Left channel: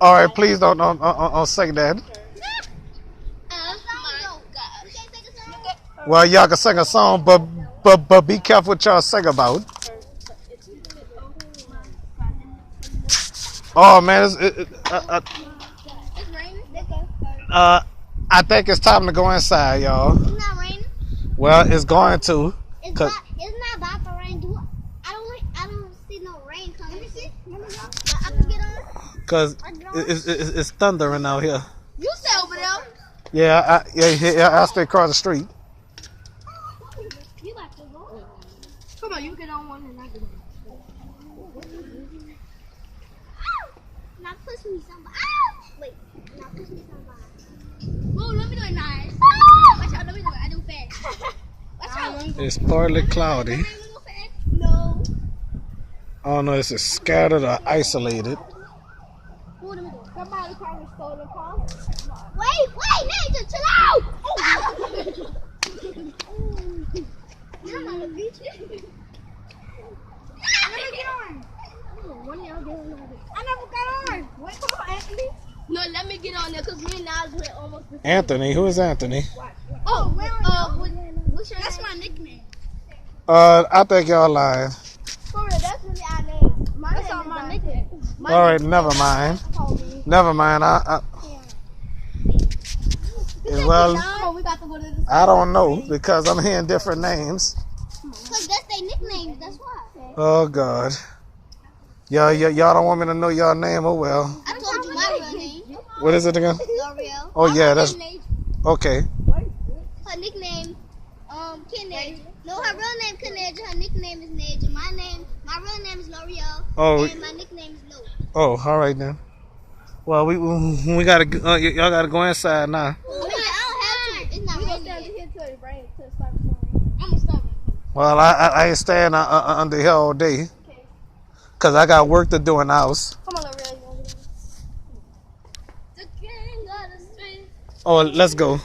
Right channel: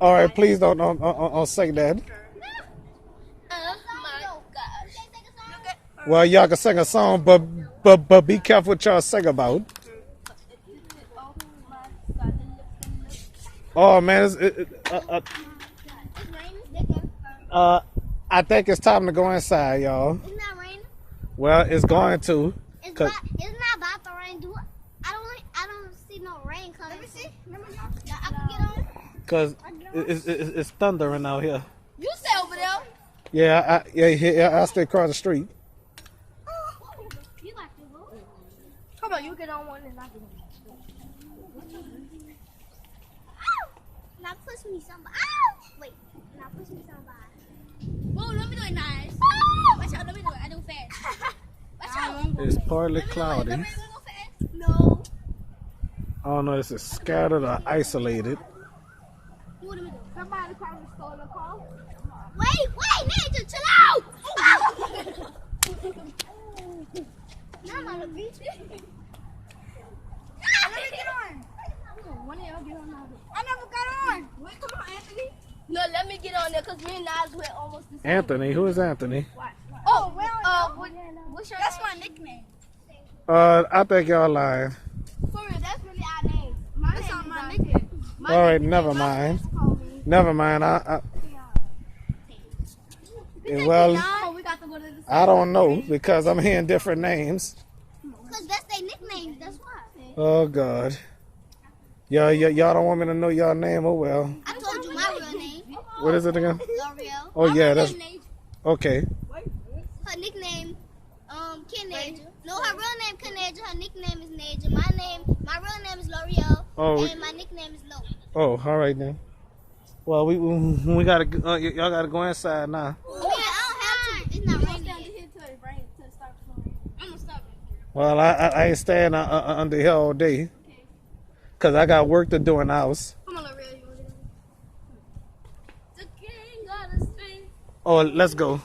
All right, please don't say that. Well, y'all can sing a song, but be careful what y'all sing about. Oh man, I think it's time to go inside, y'all. It's not raining. Well, it's going to. It's not about to rain. I don't see no rain coming. Let me see. I can get on. Cause it's thundering out here. You stay over there. Yeah, I stay across the street. You got to go. Come on, you get on one and I can go. Now push me somebody. Wait. Now push me somebody. Whoa, let me do it nice. Watch out, let me do it. I do fast. Watch out. It's partly cloudy. No. I don't know if it's scattered or isolated. Somebody trying to steal the car. Wait, Nathan, chill out. I'm on the beach. Let me get on. One of y'all get on. I never got on. Wait, come on, Anthony. No, let me get on there because me and Nas went almost the same. Anthony, who is Anthony? Oh, what's your That's my nickname. I think y'all lying. For real, that's really our name. That's all my nickname. All right, never mind. Never mind. Well, I don't know because I'm hearing different names. Because that's their nickname. That's why. Oh God. Y'all don't want me to know y'all name? Oh well. I told you my real name. What is it again? L'Oreal. Oh yeah, that's okay. Her nickname, Kennedy. No, her real name Kennedy. Her nickname is Naja. My real name is L'Oreal. Oh. And my nickname is Lo. Oh, all right then. Well, we gotta y'all gotta go inside now. I don't have to. It's not raining yet. I'm gonna stop. Well, I ain't staying under here all day. Cause I got work to do in the house. Come on, L'Oreal. You want to do this? The king of the street. Oh, let's go.